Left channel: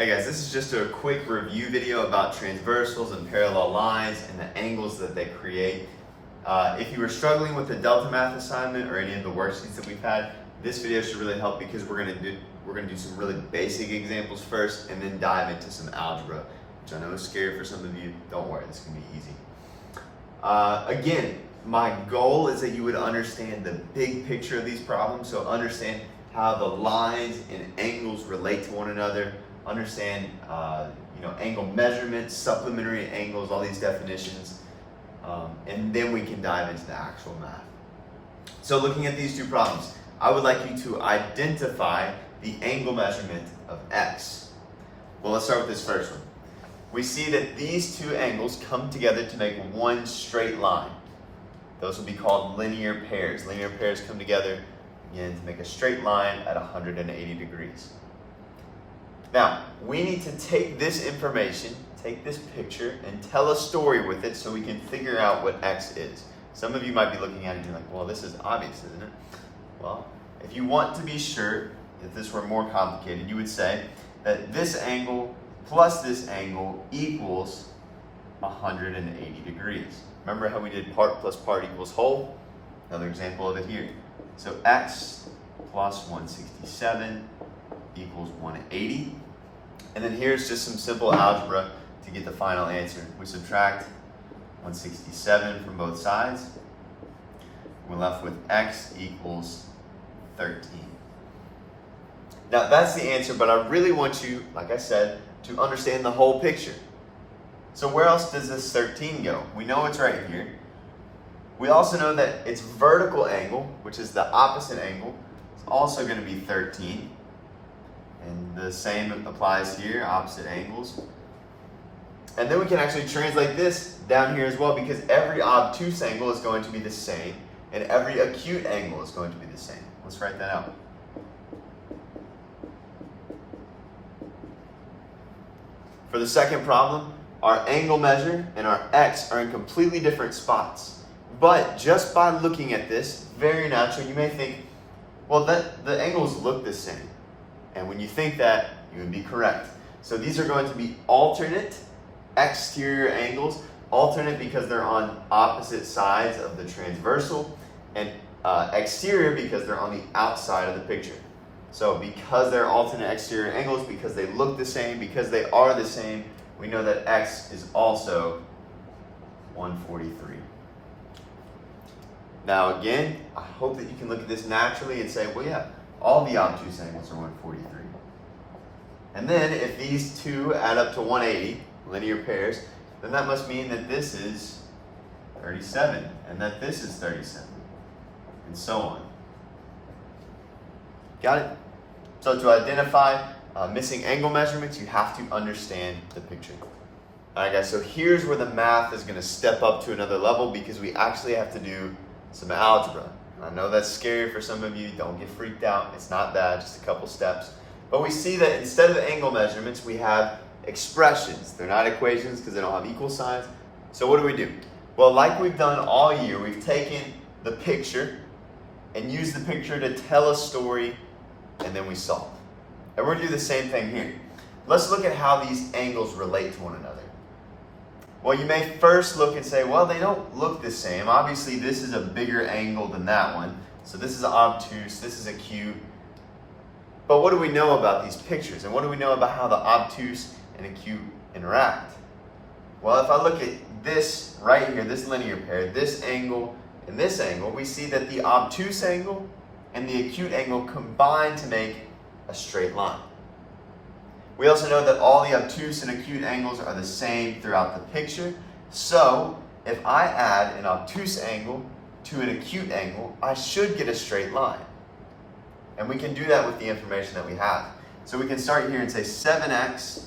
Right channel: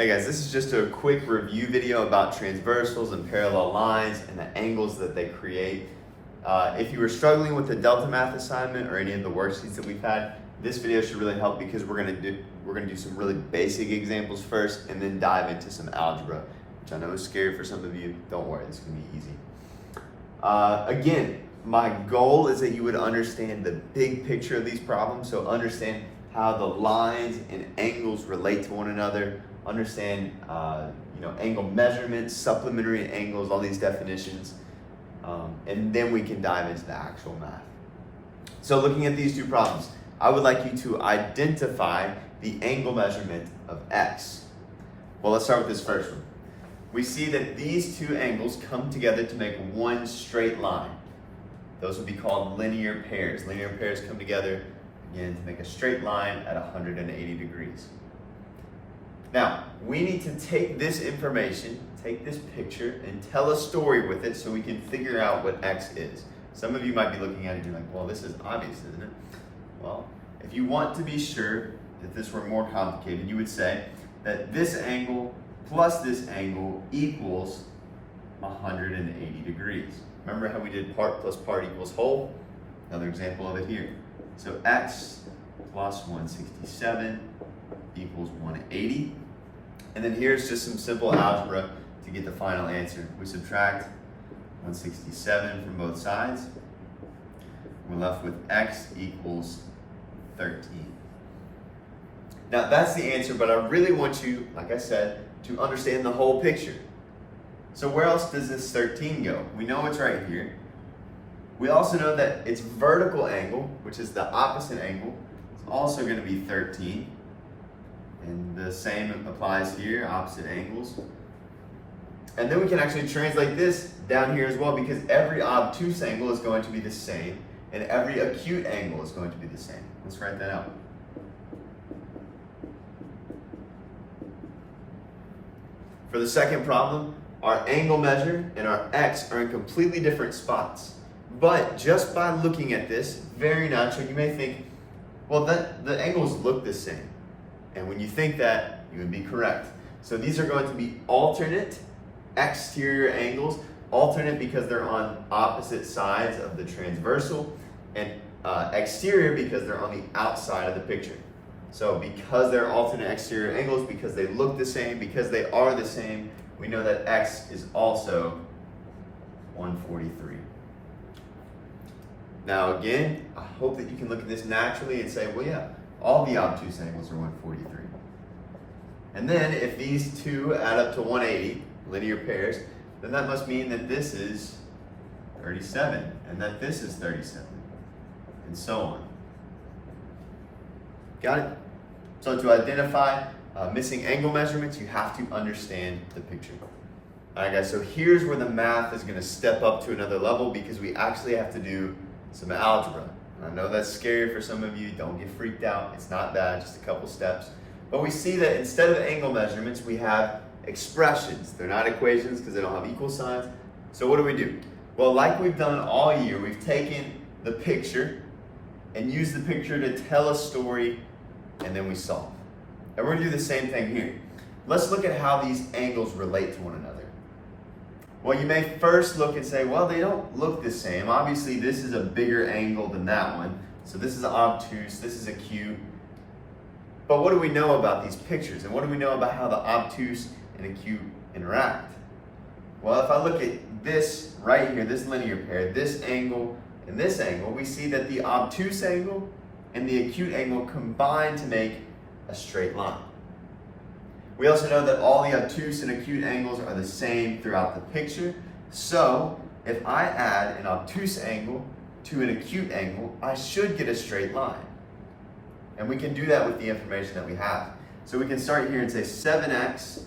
Hey guys, this is just a quick review video about transversals and parallel lines and the angles that they create. If you were struggling with the Delta Math assignment or any of the worksheets that we've had, this video should really help because we're gonna do some really basic examples first and then dive into some algebra, which I know is scary for some of you. Don't worry, this is gonna be easy. Again, my goal is that you would understand the big picture of these problems, so understand how the lines and angles relate to one another, understand angle measurements, supplementary angles, all these definitions, and then we can dive into the actual math. So looking at these two problems, I would like you to identify the angle measurement of x. Well, let's start with this first one. We see that these two angles come together to make one straight line. Those will be called linear pairs. Linear pairs come together again to make a straight line at 180 degrees. Now, we need to take this information, take this picture, and tell a story with it so we can figure out what x is. Some of you might be looking at it and being like, well, this is obvious, isn't it? Well, if you want to be sure, if this were more complicated, you would say that this angle plus this angle equals 180 degrees. Remember how we did part plus part equals whole? Another example of it here. So x plus 167 equals 180. And then here's just some simple algebra to get the final answer. We subtract 167 from both sides. We're left with x equals 13. Now that's the answer, but I really want you, like I said, to understand the whole picture. So where else does this 13 go? We know it's right here. We also know that its vertical angle, which is the opposite angle, is also going to be 13. And the same applies here, opposite angles. And then we can actually translate this down here as well, because every obtuse angle is going to be the same, and every acute angle is going to be the same. Let's write that out. For the second problem, our angle measure and our x are in completely different spots. But just by looking at this, very natural, you may think, well, the angles look the same. And when you think that, you would be correct. So these are going to be alternate exterior angles, alternate because they're on opposite sides of the transversal, and exterior because they're on the outside of the picture. So because they're alternate exterior angles, because they look the same, because they are the same, we know that x is also 143. Now again, I hope that you can look at this naturally and say, well, yeah, all the obtuse angles are 143. And then if these two add up to 180, linear pairs, then that must mean that this is 37 and that this is 37 and so on. Got it? So to identify missing angle measurements, you have to understand the picture. All right, guys, so here's where the math is going to step up to another level because we actually have to do some algebra. And I know that's scary for some of you. Don't get freaked out. It's not bad, just a couple steps. But we see that instead of angle measurements, we have expressions. They're not equations because they don't have equal signs. So what do? Well, like we've done all year, we've taken the picture and used the picture to tell a story, and then we solve. And we're going to do the same thing here. Let's look at how these angles relate to one another. Well, you may first look and say, well, they don't look the same. Obviously, this is a bigger angle than that one. So this is obtuse, this is acute. But what do we know about these pictures? And what do we know about how the obtuse and acute interact? Well, if I look at this right here, this linear pair, this angle and this angle, we see that the obtuse angle and the acute angle combine to make a straight line. We also know that all the obtuse and acute angles are the same throughout the picture. So if I add an obtuse angle to an acute angle, I should get a straight line. And we can do that with the information that we have. So we can start here and say 7x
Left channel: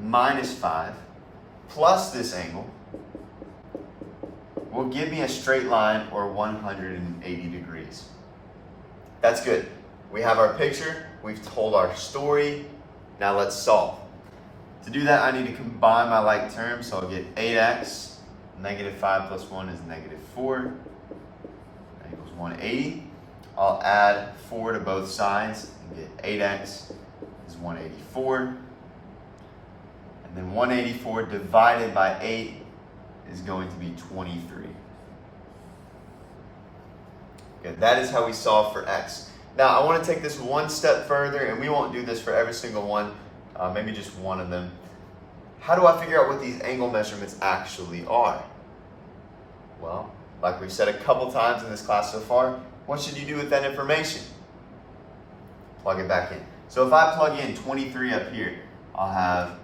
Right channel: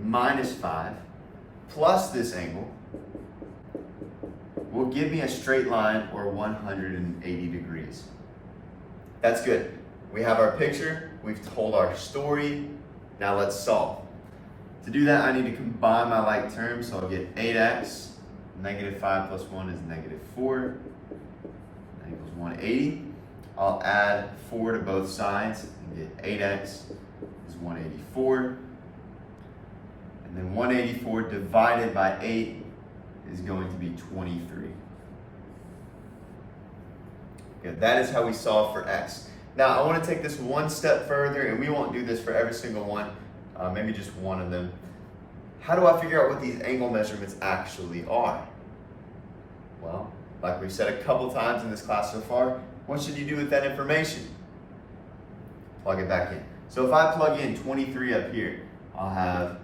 minus 5 plus this angle will give me a straight line or 180 degrees. That's good. We have our picture, we've told our story. Now let's solve. To do that, I need to combine my like terms, so I'll get 8x, negative 5 plus 1 is negative 4, that equals 180. I'll add 4 to both sides and get 8x is 184. then 184 divided by 8 is going to be 23. Good. That is how we solve for x. Now I want to take this one step further, and we won't do this for every single one, maybe just one of them. How do I figure out what these angle measurements actually are? Well, like we've said a couple times in this class so far, what should you do with that information? Plug it back in. So if I plug in 23 up here, I'll have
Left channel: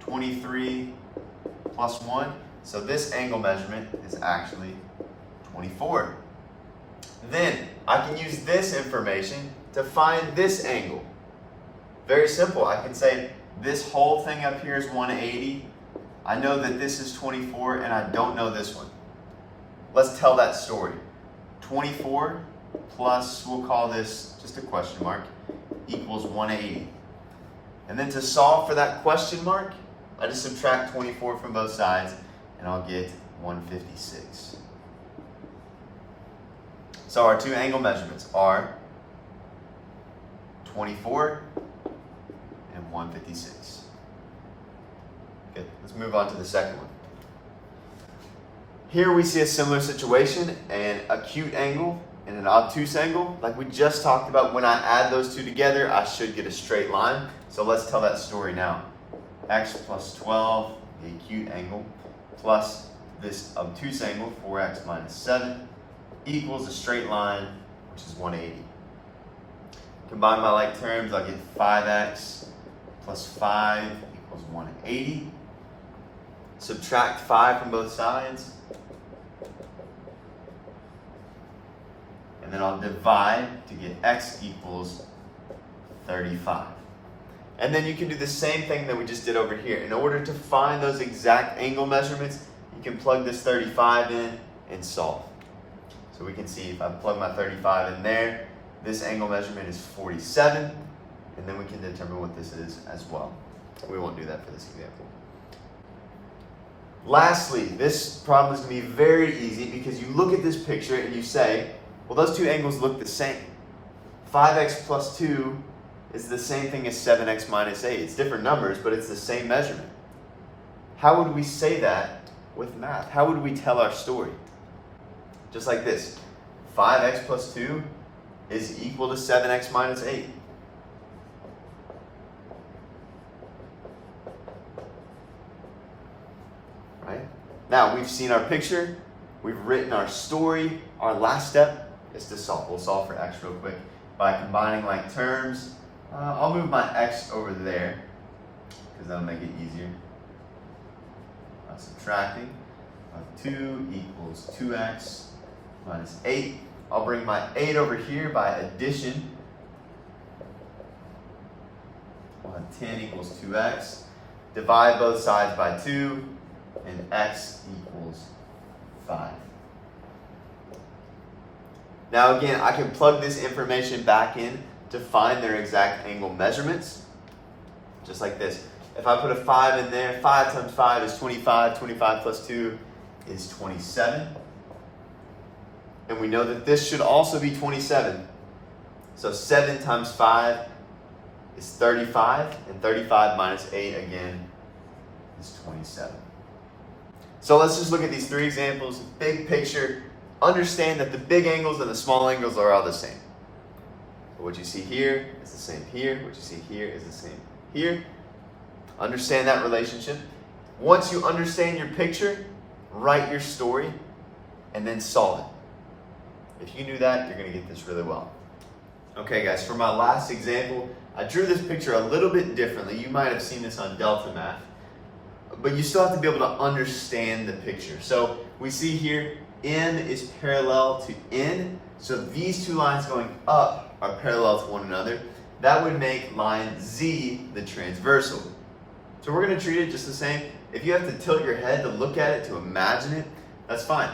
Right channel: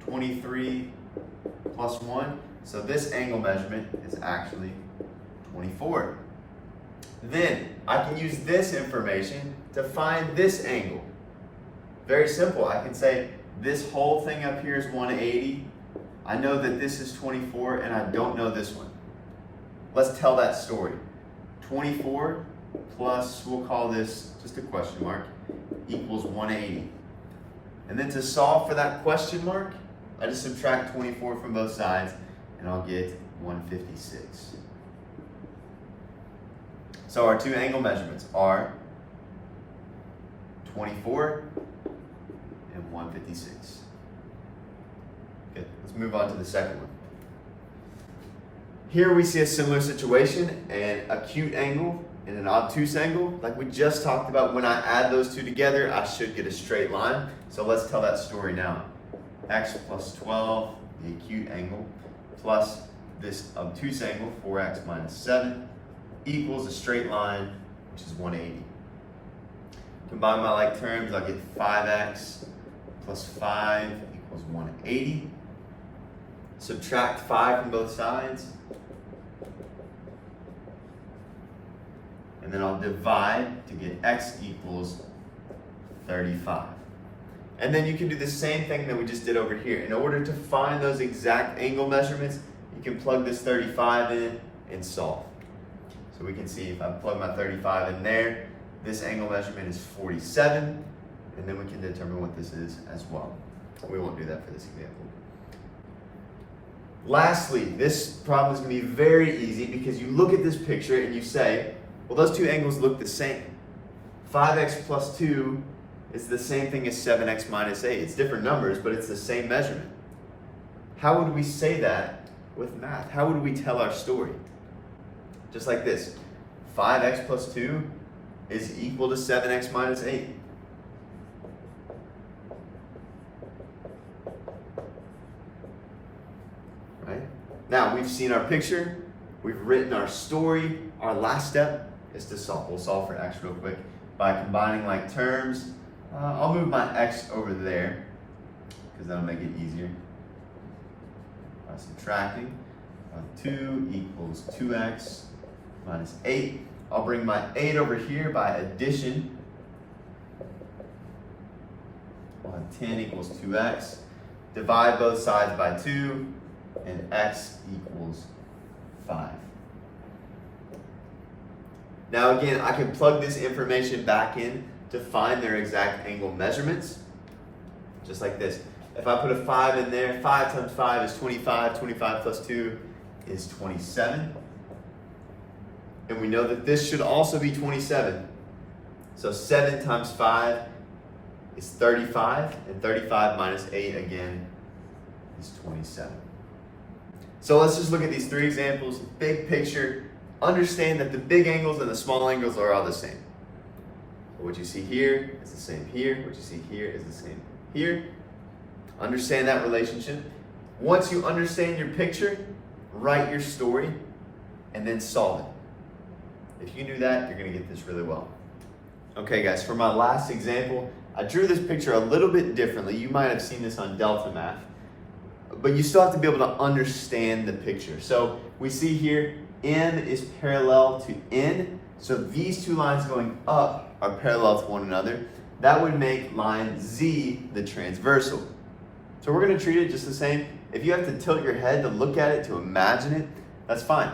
23 plus 1. So this angle measurement is actually 24. Then I can use this information to find this angle. Very simple. I can say this whole thing up here is 180. I know that this is 24 and I don't know this one. Let's tell that story. 24 plus, we'll call this just a question mark, equals 180. And then to solve for that question mark, I just subtract 24 from both sides and I'll get 156. So our two angle measurements are 24 and 156. Good. Let's move on to the second one. Here we see a similar situation, an acute angle and an obtuse angle. Like we just talked about, when I add those two together, I should get a straight line. So let's tell that story now. X plus 12, the acute angle, plus this obtuse angle, 4x minus 7, equals a straight line, which is 180. Combine my like terms, I'll get 5x plus 5 equals 180. Subtract 5 from both sides. And then I'll divide to get x equals 35. And then you can do the same thing that we just did over here. In order to find those exact angle measurements, you can plug this 35 in and solve. So we can see if I plug my 35 in there, this angle measurement is 47, and then we can determine what this is as well. We won't do that for this example. Lastly, this problem is going to be very easy because you look at this picture and you say, well, those two angles look the same. 5x plus 2 is the same thing as 7x minus 8. It's different numbers, but it's the same measurement. How would we say that with math? How would we tell our story? Just like this. 5x plus 2 is equal to 7x minus 8. Right? Now, we've seen our picture. We've written our story. Our last step is to solve. We'll solve for x real quick by combining like terms. I'll move my x over there because that'll make it easier. By subtracting, 2 equals 2x minus 8. I'll bring my 8 over here by addition. We'll have 10 equals 2x. Divide both sides by 2, and x equals 5. Now again, I can plug this information back in to find their exact angle measurements, just like this. If I put a 5 in there, 5 times 5 is 25, 25 plus 2 is 27. And we know that this should also be 27. So 7 times 5 is 35, and 35 minus 8 again is 27. So let's just look at these three examples, big picture. Understand that the big angles and the small angles are all the same. But what you see here is the same here. What you see here is the same here. Understand that relationship. Once you understand your picture, write your story, and then solve it. If you do that, you're going to get this really well. Okay guys, for my last example, I drew this picture a little bit differently. You might have seen this on Delta Math, but you still have to be able to understand the picture. So we see here, N is parallel to N. So these two lines going up are parallel to one another. That would make line Z the transversal. So we're going to treat it just the same. If you have to tilt your head to look at it, to imagine it, that's fine.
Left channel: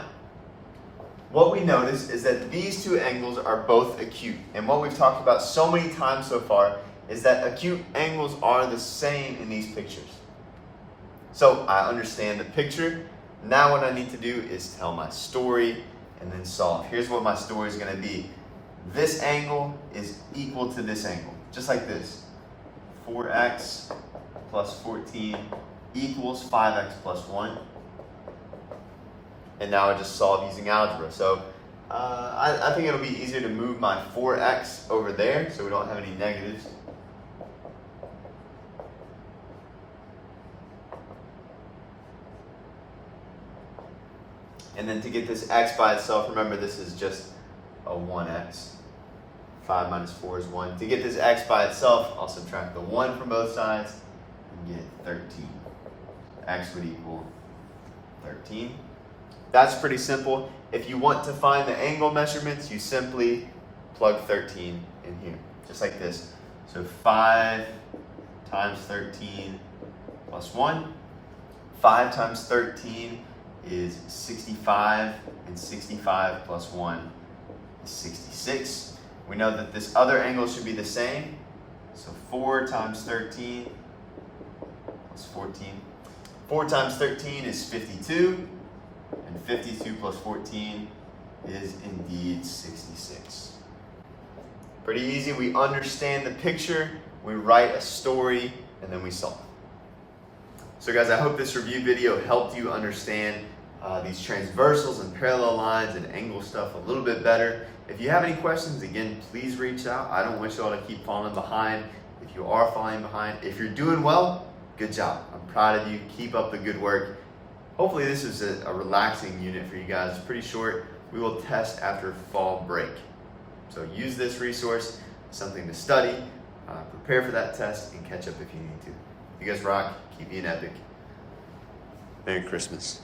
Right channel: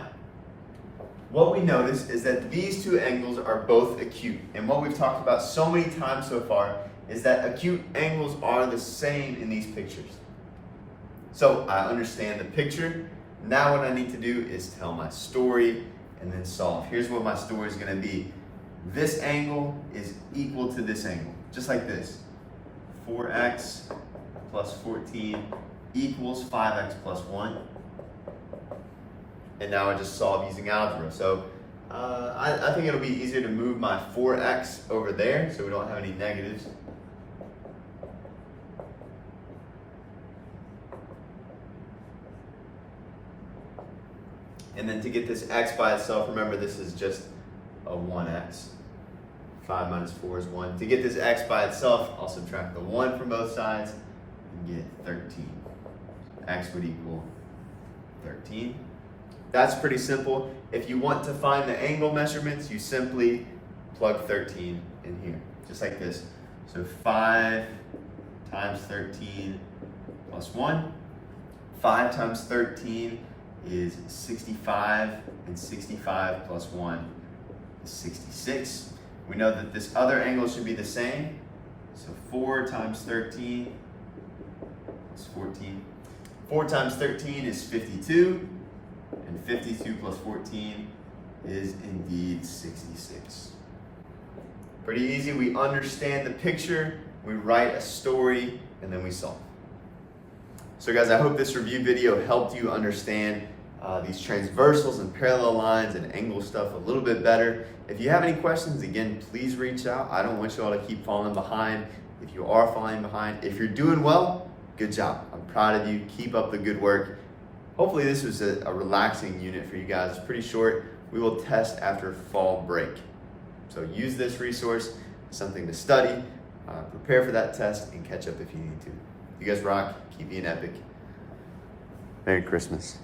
What we notice is that these two angles are both acute. And what we've talked about so many times so far is that acute angles are the same in these pictures. So I understand the picture. Now what I need to do is tell my story and then solve. Here's what my story is going to be. This angle is equal to this angle, just like this. 4x plus 14 equals 5x plus 1. And now I just solve using algebra. So I think it'll be easier to move my 4x over there so we don't have any negatives. And then to get this x by itself, remember this is just a 1x. 5 minus 4 is 1. To get this x by itself, I'll subtract the 1 from both sides and get 13. X would equal 13. That's pretty simple. If you want to find the angle measurements, you simply plug 13 in here, just like this. So 5 times 13 plus 1. 5 times 13 is 65, and 65 plus 1 is 66. We know that this other angle should be the same. So 4 times 13 plus 14. 4 times 13 is 52, and 52 plus 14 is indeed 66. Pretty easy. We understand the picture, we write a story, and then we solve. So guys, I hope this review video helped you understand these transversals and parallel lines and angle stuff a little bit better. If you have any questions, again, please reach out. I don't want you all to keep falling behind. If you are falling behind, if you're doing well, good job. I'm proud of you. Keep up the good work. Hopefully this is a relaxing unit for you guys. It's pretty short. We will test after fall break. So use this resource, something to study, prepare for that test, and catch up if you need to. You guys rock. Keep being epic. Merry Christmas.